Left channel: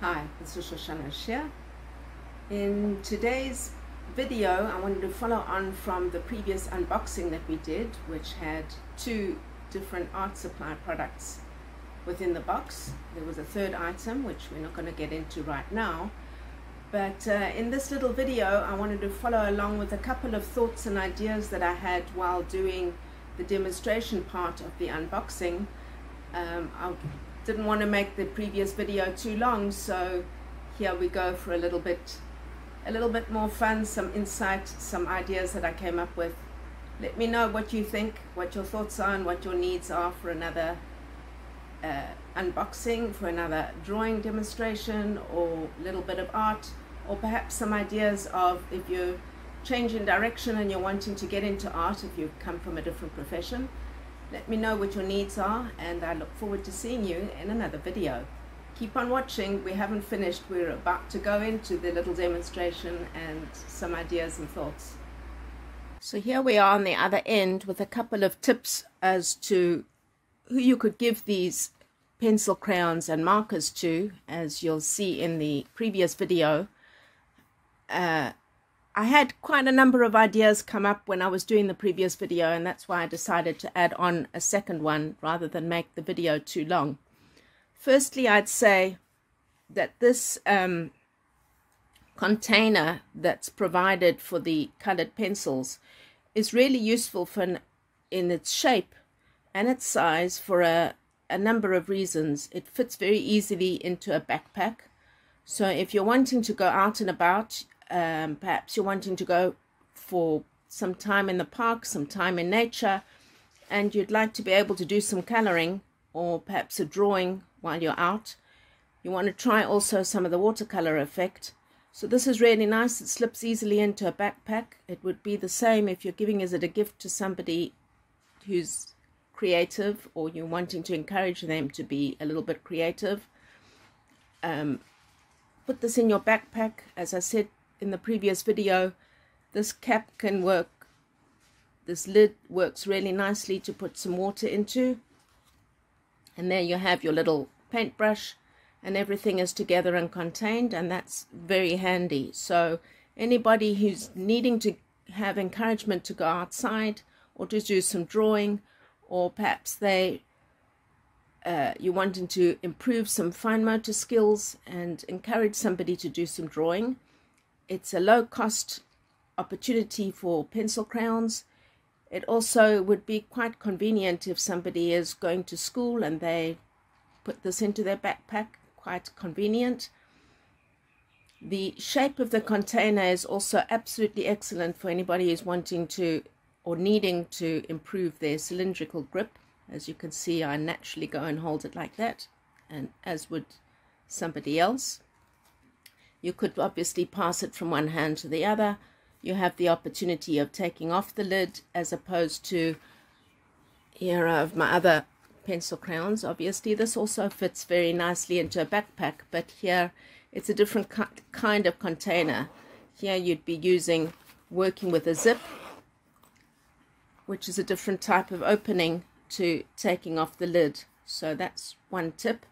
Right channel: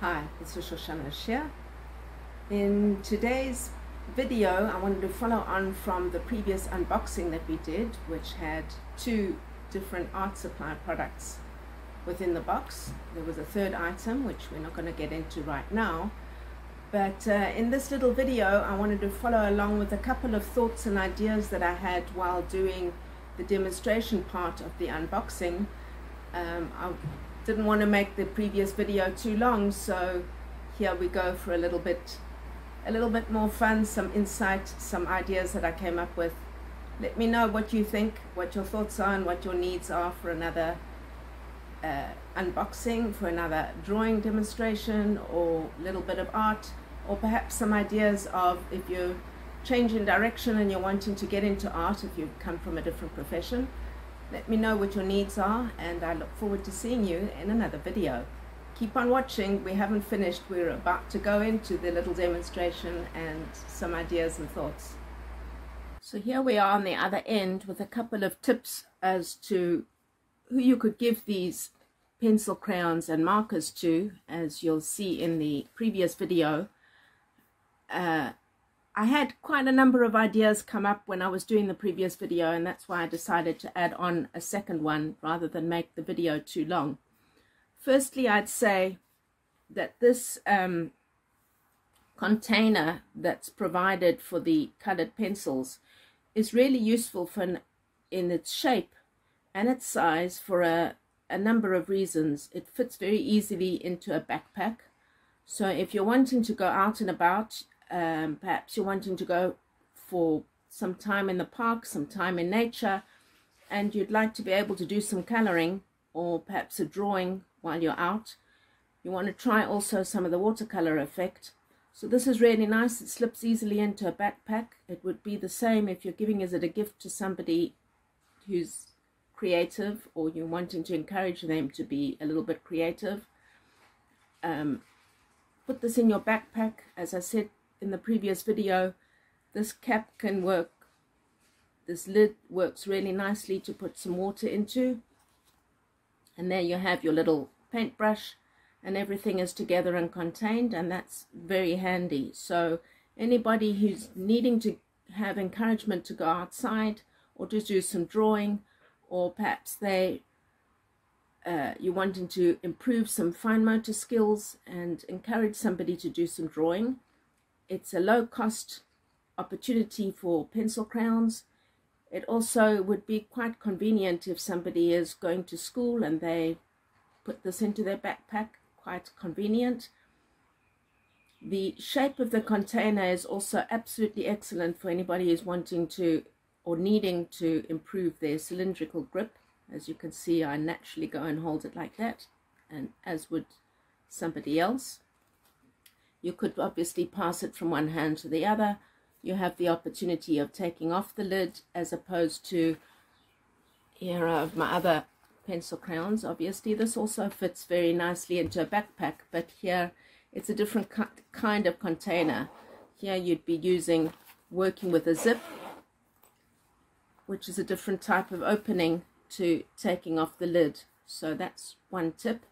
Hi, this is Shoshana Shea. In today's video, I wanted to follow on from the previous unboxing that we did, which had two different art supply products within the box. There was a third item, which we're not going to get into right now. But in this little video, I wanted to follow along with a couple of thoughts and ideas that I had while doing the demonstration part of the unboxing. I didn't want to make the previous video too long, so here we go for a little bit more fun, some insight, some ideas that I came up with. Let me know what you think, what your thoughts are, and what your needs are for another unboxing, for another drawing demonstration, or a little bit of art, or perhaps some ideas of if you're changing direction and you're wanting to get into art, if you've come from a different profession. Let me know what your needs are, and I look forward to seeing you in another video. Keep on watching. We haven't finished. We're about to go into the little demonstration and some ideas and thoughts. So here we are on the other end with a couple of tips as to who you could give these pencil crayons and markers to. As you'll see in the previous video, I had quite a number of ideas come up when I was doing the previous video, and that's why I decided to add on a second one rather than make the video too long. Firstly, I'd say that this container that's provided for the colored pencils is really useful in its shape and its size for a number of reasons. It fits very easily into a backpack. So if you're wanting to go out and about, perhaps you're wanting to go for some time in the park, some time in nature, and you'd like to be able to do some coloring or perhaps a drawing while you're out. You want to try also some of the watercolor effect. So this is really nice. It slips easily into a backpack. It would be the same if you're giving it a gift to somebody who's creative, or you're wanting to encourage them to be a little bit creative. Put this in your backpack. As I said in the previous video, this cap can work, this lid works really nicely to put some water into, and there you have your little paintbrush, and everything is together and contained, and that's very handy. So anybody who's needing to have encouragement to go outside or to do some drawing, or perhaps you're wanting to improve some fine motor skills and encourage somebody to do some drawing, it's a low-cost opportunity for pencil crayons. It also would be quite convenient if somebody is going to school and they put this into their backpack. Quite convenient. The shape of the container is also absolutely excellent for anybody who's wanting to or needing to improve their cylindrical grip. As you can see, I naturally go and hold it like that, and as would somebody else. You could obviously pass it from one hand to the other. You have the opportunity of taking off the lid, as opposed to here I have my other pencil crayons. Obviously this also fits very nicely into a backpack, but here it's a different kind of container. Here you'd be working with a zip, which is a different type of opening to taking off the lid. So that's one tip.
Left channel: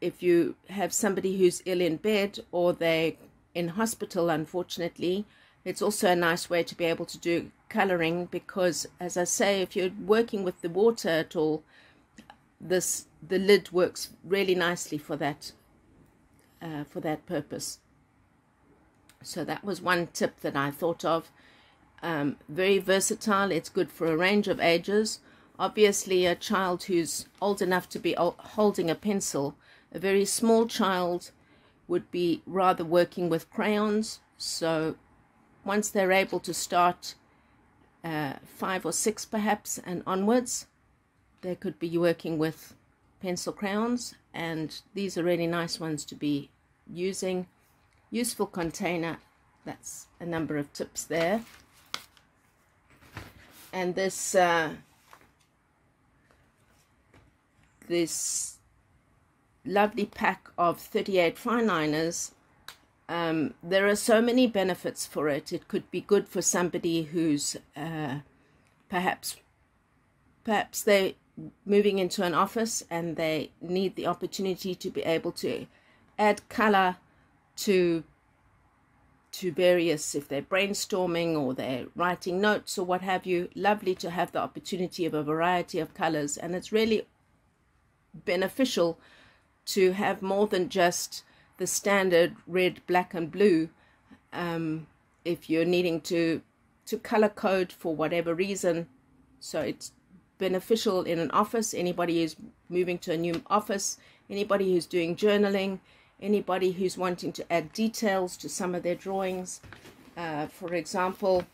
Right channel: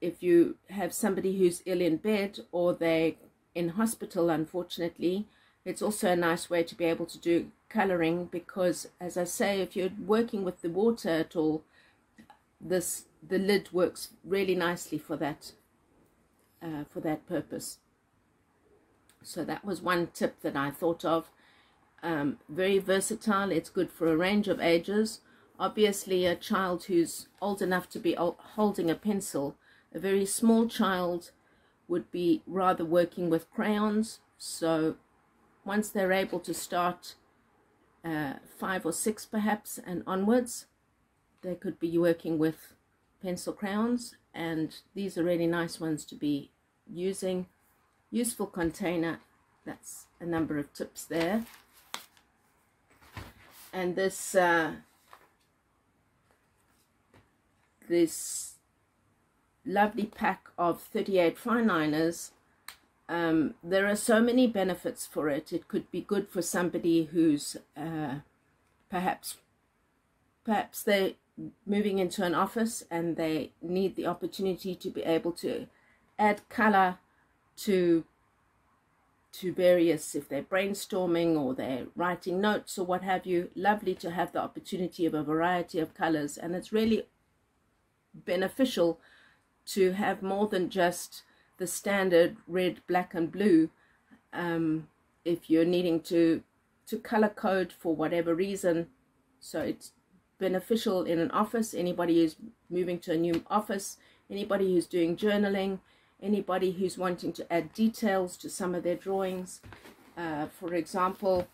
If you have somebody who's ill in bed, or they're in hospital, unfortunately, it's also a nice way to be able to do coloring, because, as I say, if you're working with the water at all, the lid works really nicely for that purpose. So that was one tip that I thought of. Very versatile. It's good for a range of ages. Obviously, a child who's old enough to be holding a pencil, a very small child would be rather working with crayons. So once they're able to start 5 or 6 perhaps and onwards, they could be working with pencil crayons, and these are really nice ones to be using. Useful container. That's a number of tips there. And this lovely pack of 38 fine liners, there are so many benefits for it. It could be good for somebody who's perhaps they moving into an office and they need the opportunity to be able to add color to various, if they're brainstorming or they're writing notes or what have you, lovely to have the opportunity of a variety of colors. And it's really beneficial to have more than just the standard red, black and blue. If you're needing to color code for whatever reason. So it's beneficial in an office, anybody who's moving to a new office, anybody who's doing journaling, anybody who's wanting to add details to some of their drawings. For example,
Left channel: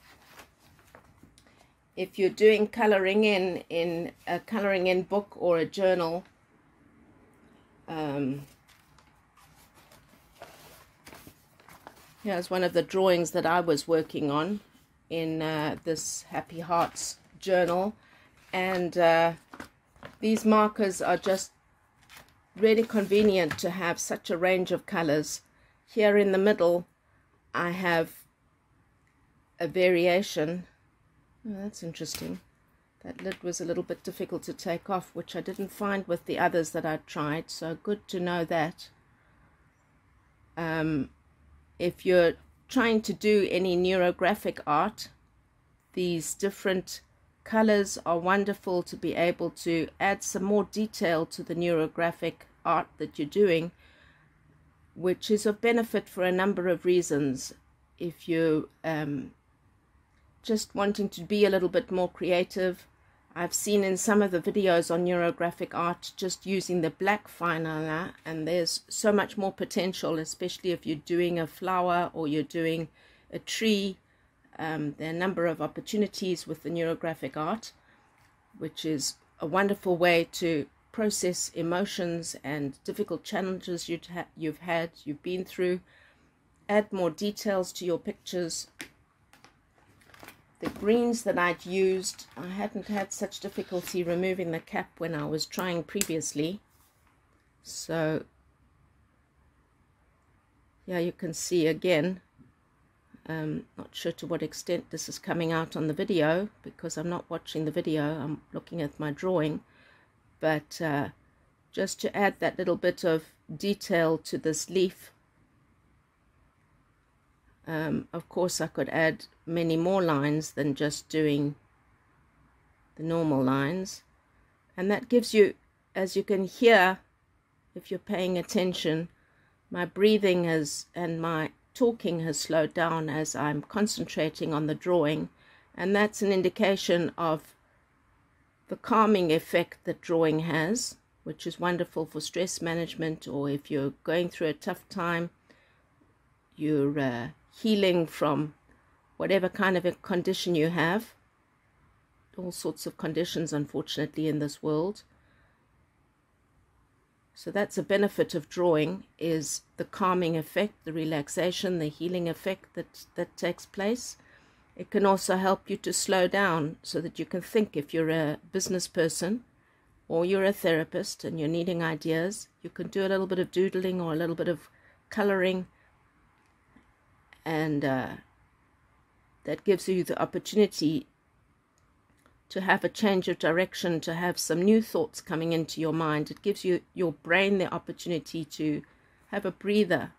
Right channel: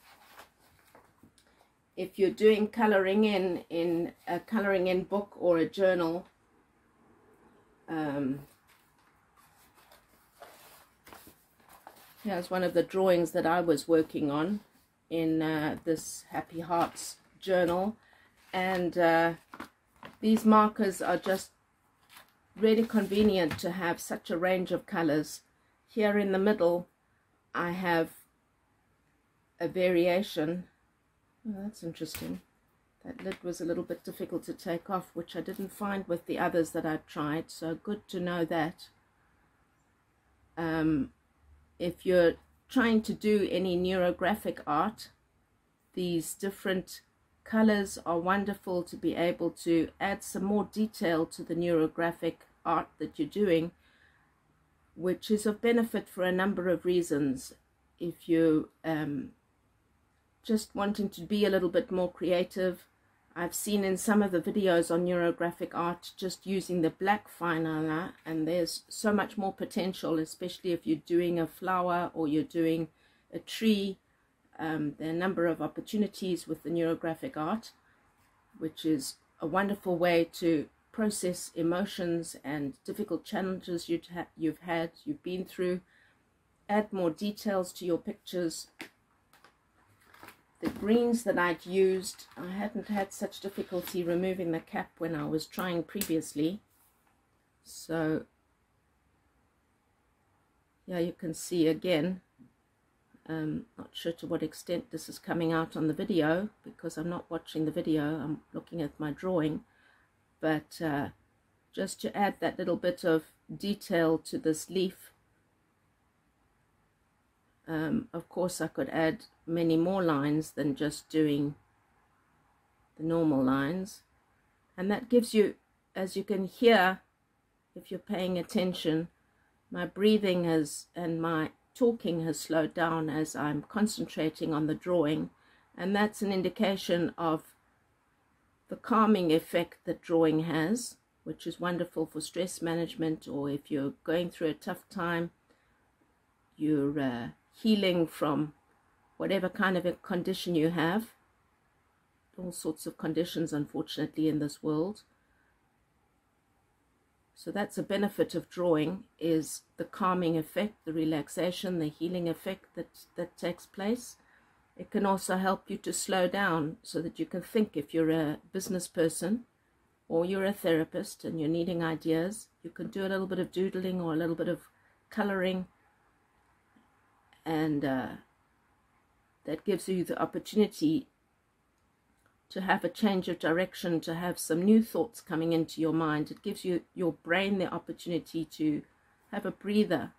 if you're doing coloring in a coloring in book or a journal, here's one of the drawings that I was working on in this Happy Hearts journal, and these markers are just really convenient to have such a range of colors. Here in the middle I have a variation. Oh, that's interesting. That lid was a little bit difficult to take off, which I didn't find with the others that I tried, so good to know that. If you're trying to do any neurographic art, these different colors are wonderful to be able to add some more detail to the neurographic art that you're doing, which is of benefit for a number of reasons. If you just wanting to be a little bit more creative, I've seen in some of the videos on neurographic art just using the black fine liner, and there's so much more potential, especially if you're doing a flower or you're doing a tree. There are a number of opportunities with the neurographic art, which is a wonderful way to process emotions and difficult challenges you've been through, add more details to your pictures. The greens that I'd used, I hadn't had such difficulty removing the cap when I was trying previously. So yeah, you can see again. Not sure to what extent this is coming out on the video, because I'm not watching the video, I'm looking at my drawing. But just to add that little bit of detail to this leaf. Of course I could add many more lines than just doing the normal lines, and that gives you, as you can hear if you're paying attention, my breathing and my talking has slowed down as I'm concentrating on the drawing, and that's an indication of the calming effect that drawing has, which is wonderful for stress management, or if you're going through a tough time, you're healing from whatever kind of a condition you have. All sorts of conditions, unfortunately, in this world. So that's a benefit of drawing, is the calming effect, the relaxation, the healing effect that takes place. It can also help you to slow down so that you can think. If you're a business person or you're a therapist and you're needing ideas, you can do a little bit of doodling or a little bit of coloring, and that gives you the opportunity to have a change of direction, to have some new thoughts coming into your mind. It gives you your brain the opportunity to have a breather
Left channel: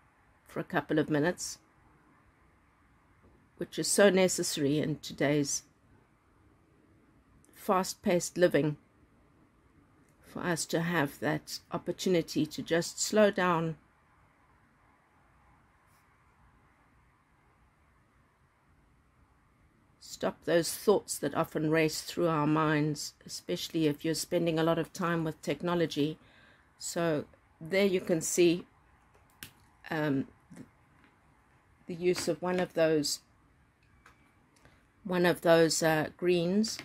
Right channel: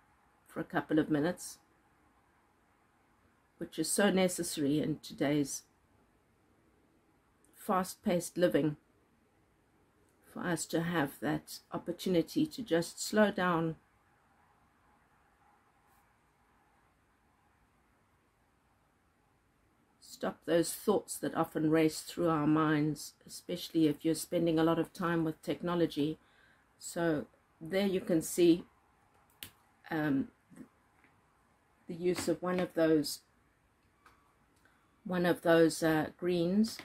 for a couple of minutes, which is so necessary in today's fast-paced living, for us to have that opportunity to just slow down, stop those thoughts that often race through our minds, especially if you're spending a lot of time with technology. So there you can see the use of one of those greens.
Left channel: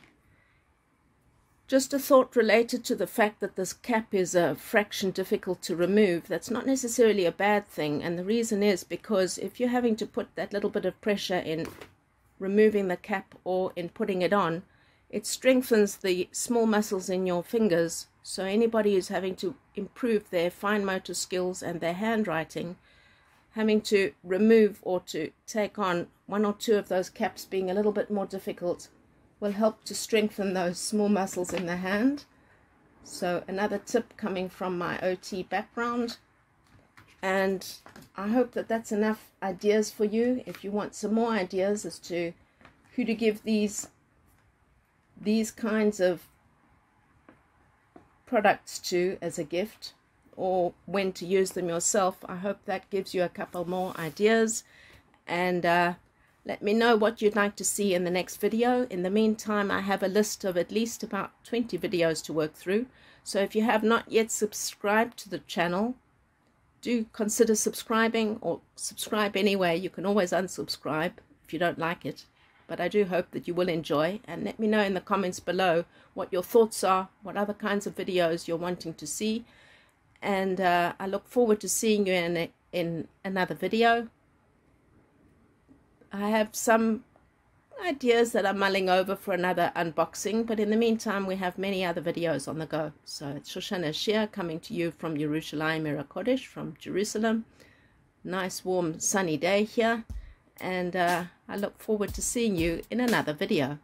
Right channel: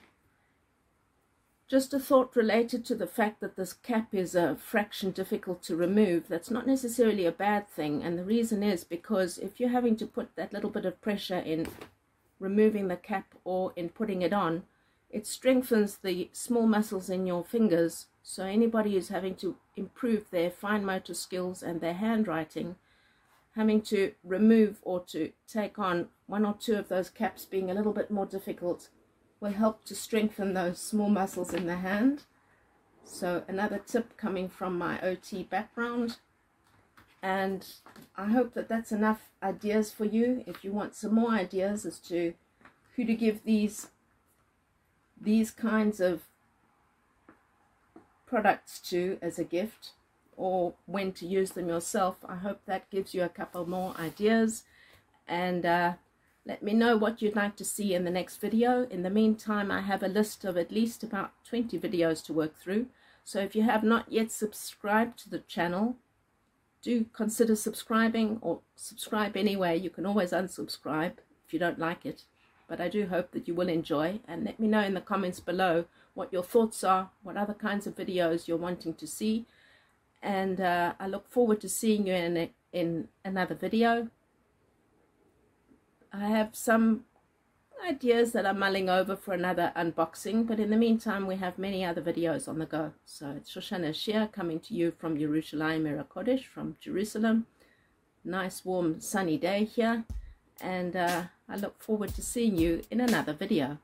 Just a thought related to the fact that this cap is a fraction difficult to remove. That's not necessarily a bad thing, and the reason is because if you're having to put that little bit of pressure in removing the cap or in putting it on, it strengthens the small muscles in your fingers. So anybody who's having to improve their fine motor skills and their handwriting, having to remove or to take on one or two of those caps being a little bit more difficult, will help to strengthen those small muscles in the hand. So another tip coming from my OT background, and I hope that that's enough ideas for you. If you want some more ideas as to who to give these kinds of products to as a gift, or when to use them yourself, I hope that gives you a couple more ideas. And let me know what you'd like to see in the next video. In the meantime, I have a list of at least about 20 videos to work through. So if you have not yet subscribed to the channel, do consider subscribing, or subscribe anyway. You can always unsubscribe if you don't like it. But I do hope that you will enjoy, and let me know in the comments below what your thoughts are, what other kinds of videos you're wanting to see. And I look forward to seeing you in another video. I have some ideas that I'm mulling over for another unboxing, but in the meantime we have many other videos on the go. So it's Shoshana Shea coming to you from Yerushalayim Ira Kodesh, from Jerusalem. Nice warm sunny day here, and I look forward to seeing you in another video.